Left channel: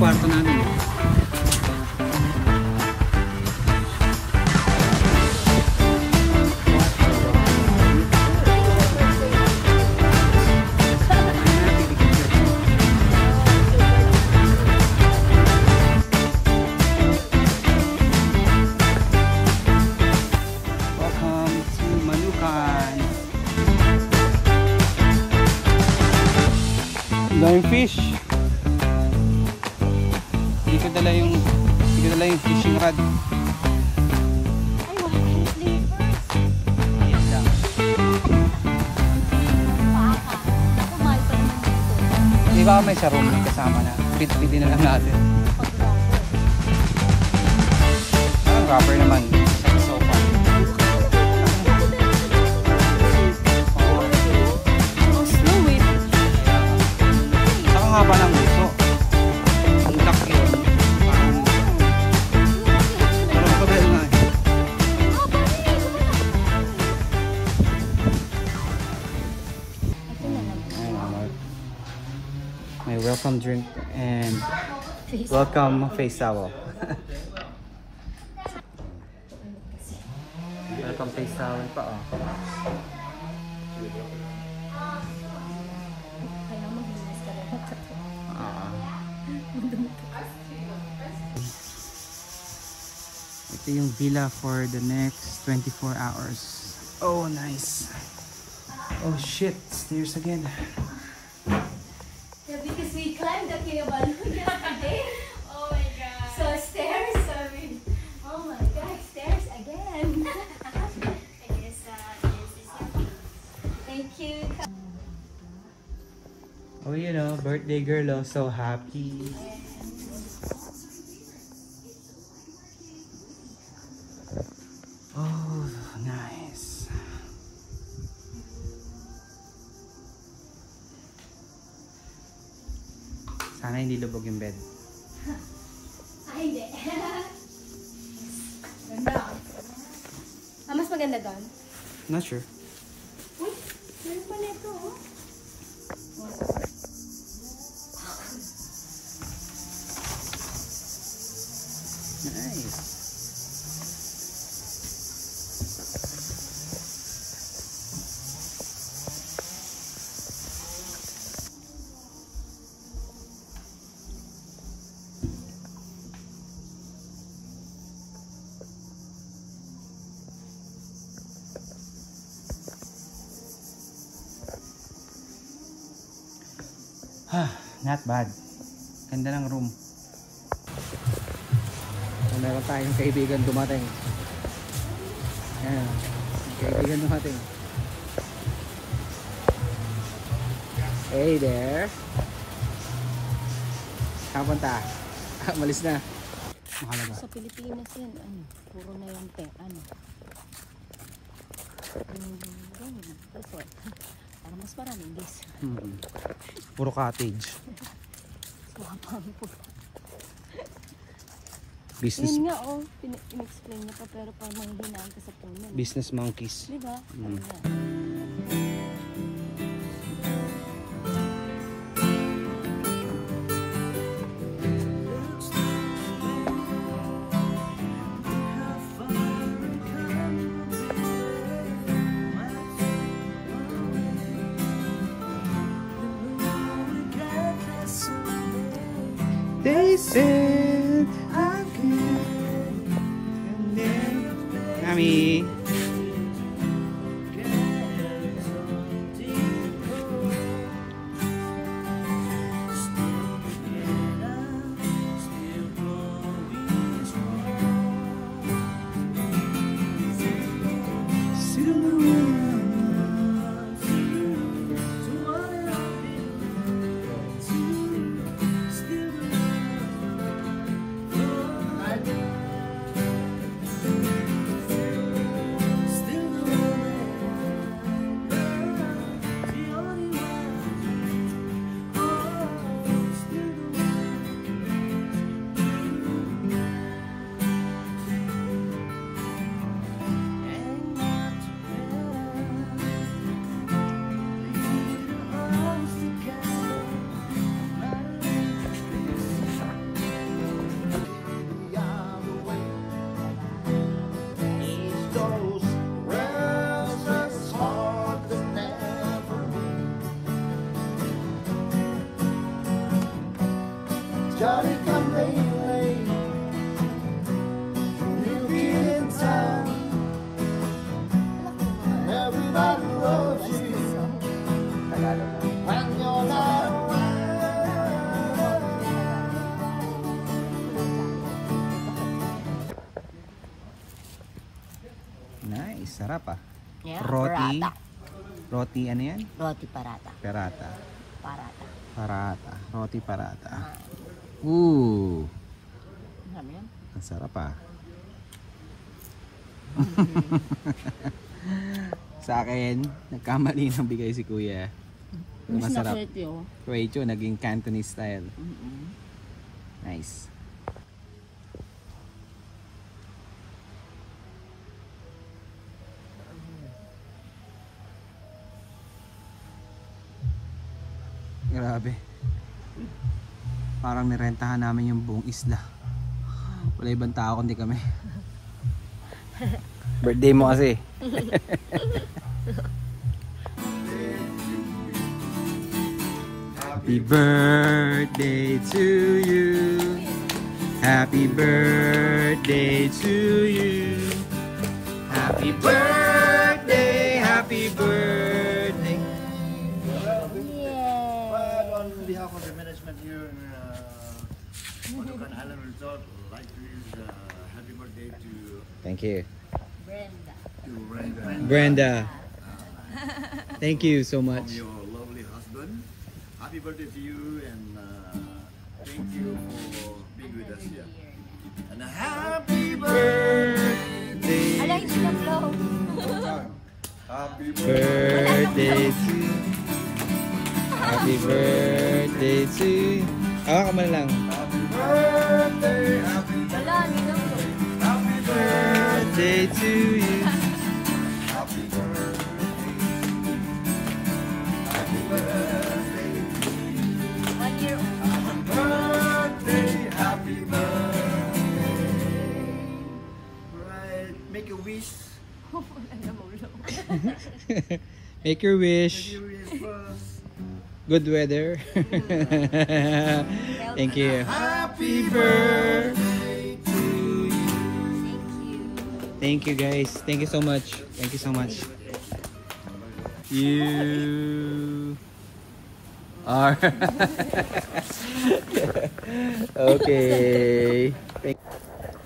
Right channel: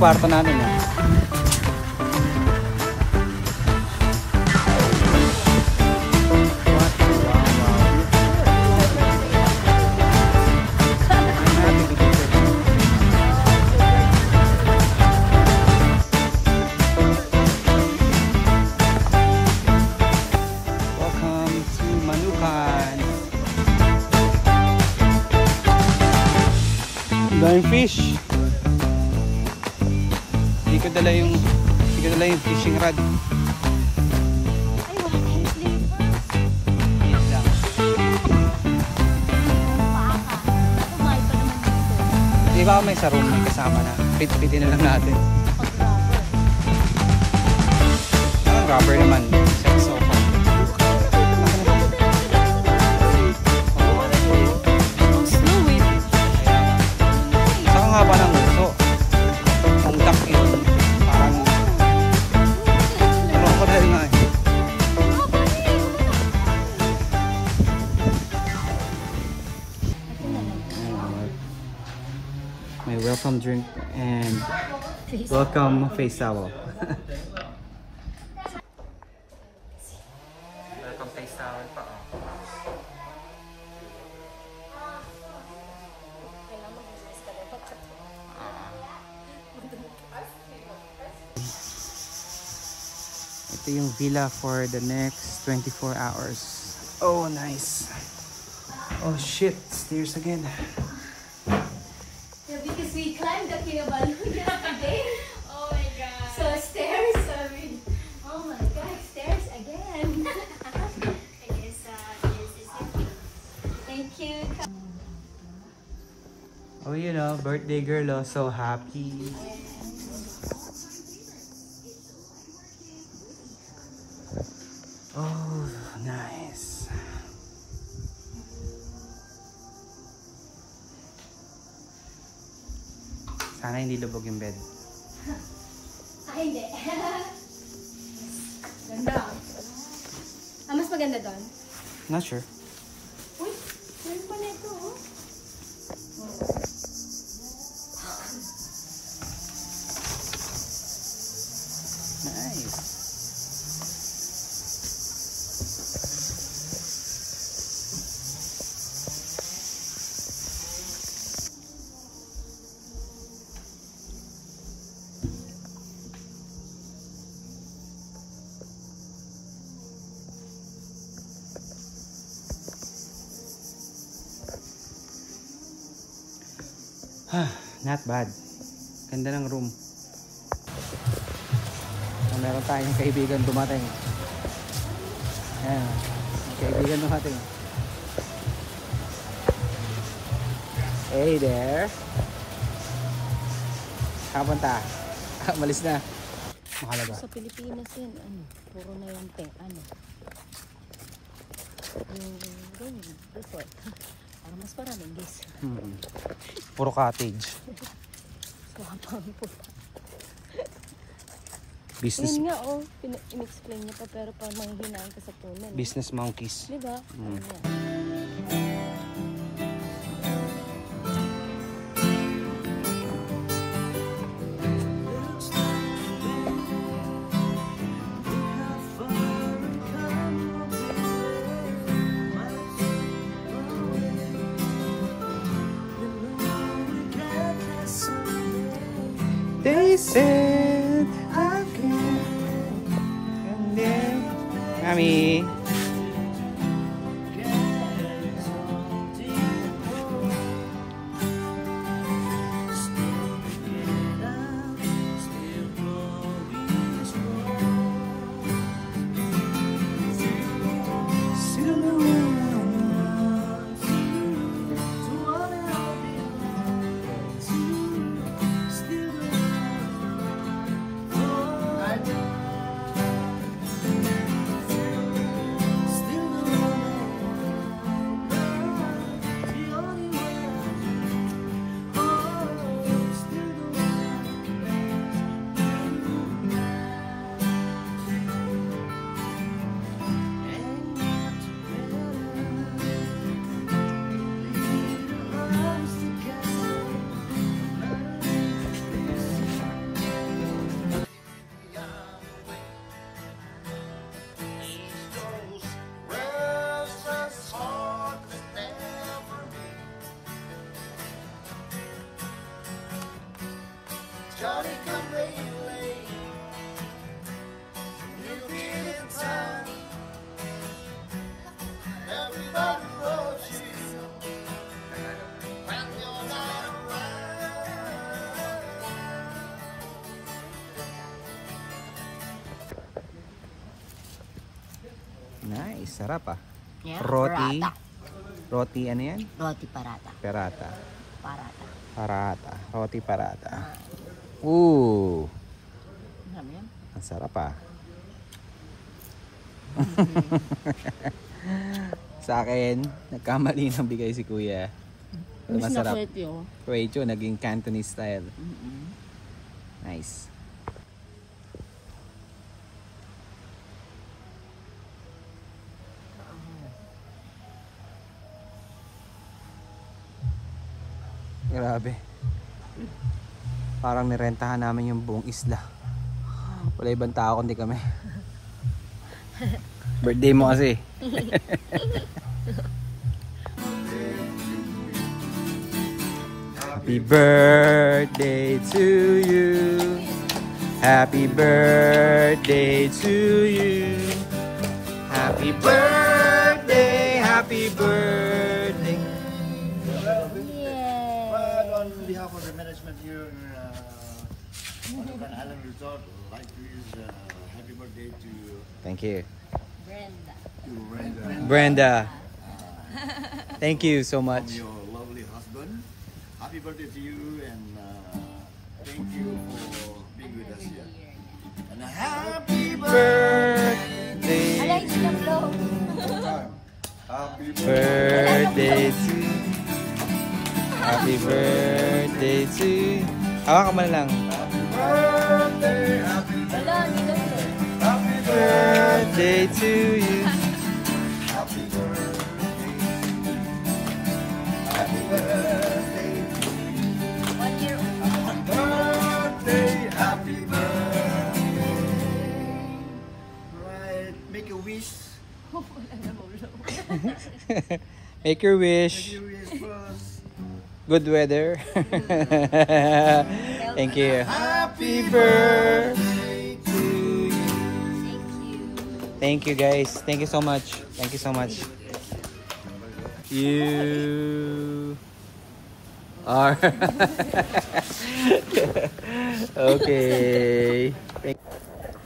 kwarto natin. Fish. Hindi ko dala yung fishing rod. Hindi ba may sarong kasama na? 50 din na lang natin. Rubber naman. So haba ng uso. Ang laki. Parang kapel na eh. May welcome drink and welcome face towel. Welcome face towel pa oh. Ito yung villa for the next 24 hours. Oh, nice. Oh shit, stairs again. Yeah, because we climbed up here one day. Oh my god. So stairs. Oh my god, stairs again. Thank you. Oh, you know, birthday girl, oh, so happy. Oh, nice. Sana hindi lubog yung bed. Ay, hindi. Mas maganda doon? Not sure. Uy, meron pa nito, oh. Nice. Not bad. Ganda ng room. Meron tayong kaibigan dumating. Ayan. Kaibigan dumating. Hey there. Kapunta. Malis na. Makalaga. Sa Pilipinas yun, puro na yung ano. Yung report. Ano mas maraming guys. Puro cottage. Business. Ayun nga, oh. In-explain niya pa pero pa manghihinaan ka sa tunan. Business monkeys. Diba? They said I can. And then, Mami. Johnny come late, new kid in town. Everybody loves you when you're not around. Nice, sarap ah. Yeah, Roti. Parata. Roti ano yan? Roti parata. Perata. Parata. Parata. Roti parata. Ooh. Ang sarap ah. Sa akin, nagkamali ng bigay si kuya. Masarap. Croatio, naging Cantonese style. Nice. Grabe. Parang nirentahan namin yung buong isla. Wala ibang tao kundi kami. Birthday mo kasi. Happy birthday to you. Happy birthday to you. Happy birthday, happy birthday. Well, on behalf of the management here in Manukan Island Resort, I'd like to wish happy birthday to Thank you. Brenda. Brenda. Thank you so much. From your lovely husband. Happy birthday to you, and thank you for being with us here. And a happy birthday. Birthday to you. Happy birthday to you. Awa ka man lang. Happy birthday to you. Happy birthday. Happy birthday. Right, make a wish. Make your wish. Make your wish first. Good weather. Thank you. Happy birthday to you. Thank you guys. Thank you so much. Thank you so much. You are okay.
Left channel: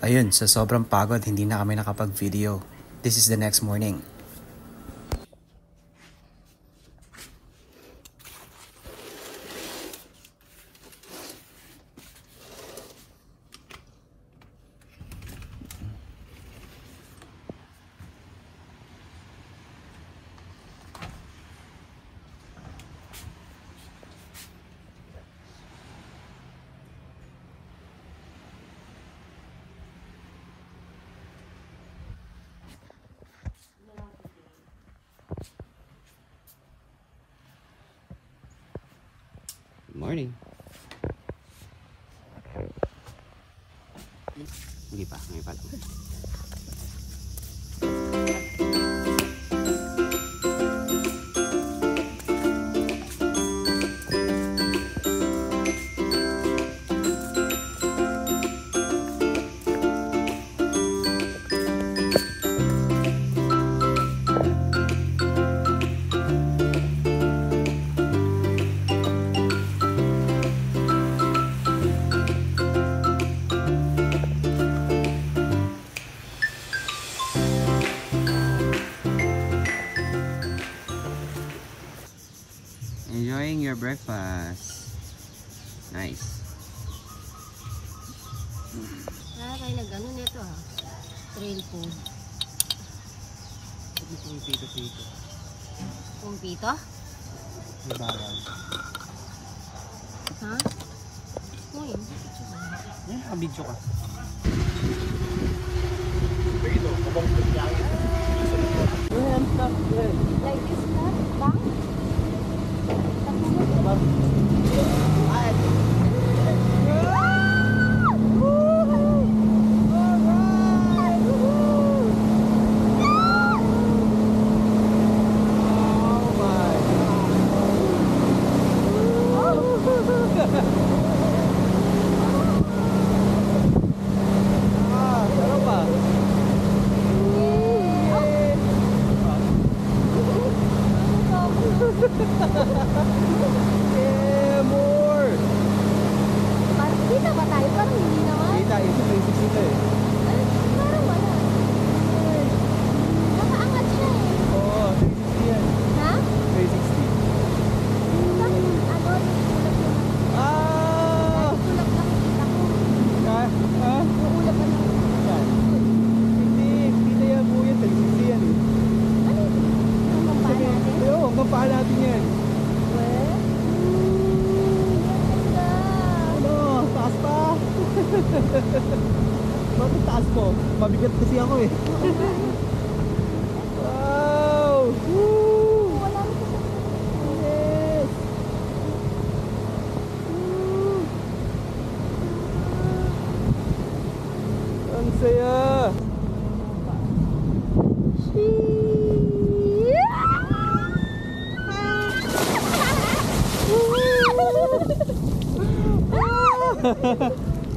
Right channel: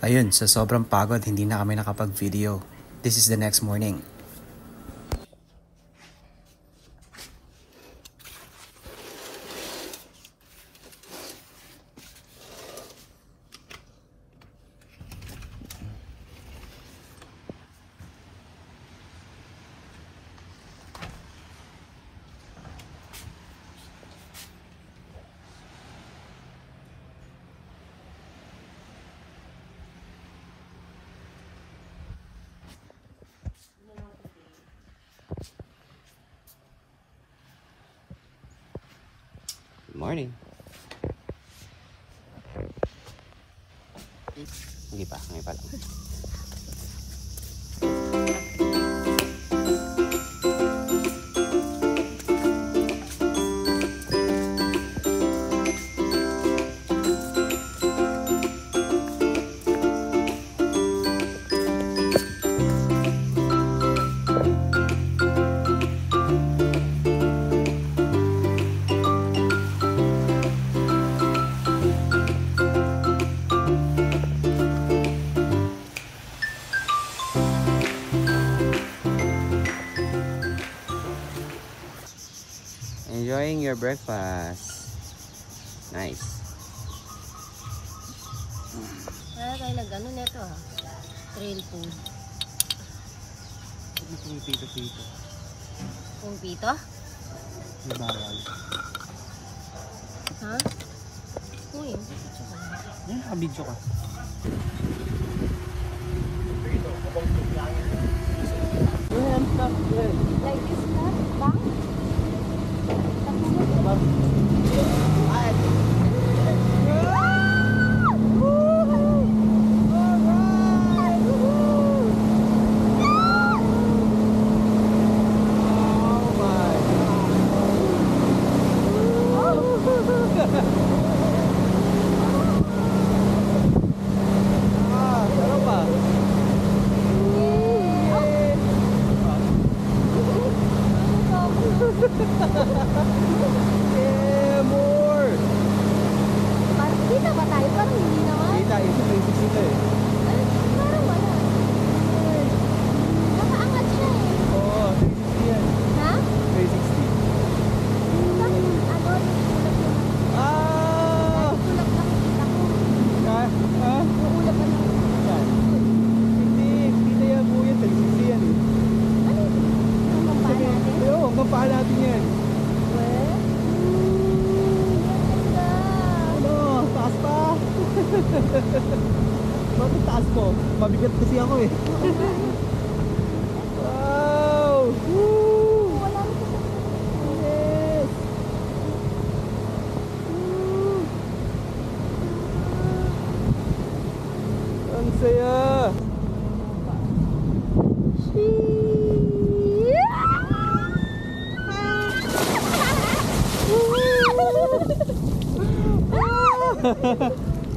Ayun, sa sobrang pagod, hindi na kami nakapag-video. This is the next morning. Morning. Hindi pa, ngayon pa lang. Enjoying your breakfast. Nice. Kaya tayo nag-ano neto ha? Trail food. Pito. Kung pito? Bawal. Ha? Uy, Kabigso ka. like this na? Bang? Yeah, more! Parang kita ba tayo? Parang hindi naman. Kita, ito 360 eh. Parang wala. Nakaangat siya eh. Oo, 360 yan. Ha? 360. Ah! Tulak lang kita ko. Ha? Ha? Uulap ka lang. Yan. Hindi na yan po yan. 360 yan eh. Ano yun? Ang kampaan natin? Oo, ang kampaan natin yan. Well, ganda. Ano? Taas pa? Bakit taas mo? Mabigat kasi ako eh. Wow! Woo! Wala na kasi. Yes! Ang saya!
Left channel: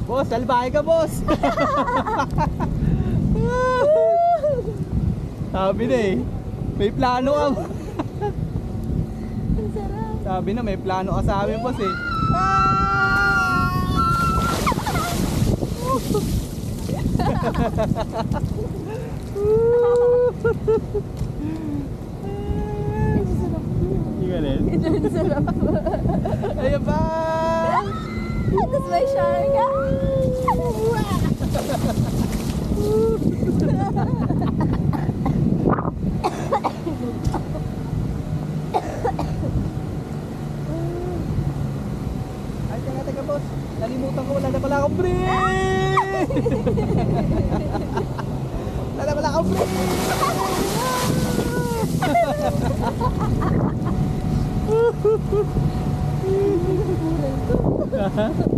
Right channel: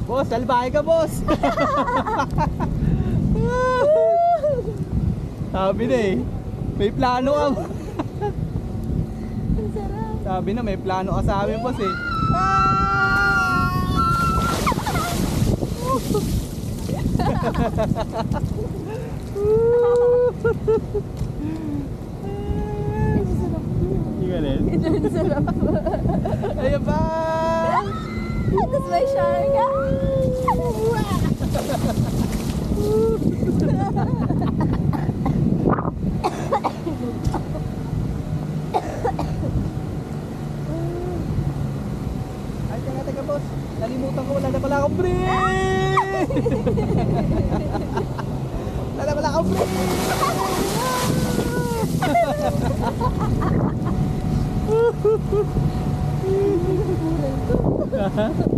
Boss, salbahe ka, boss! Sabi na eh, may plano ka. Ang sarap. Sabi na, may plano ka sa amin, boss eh. Hindi ka rin? Ang sarap. Ayan ba? Tapos may shower ka. Ay, teka boss. Nalimutan ko, wala na pala akong break! Wala na pala akong break! Ang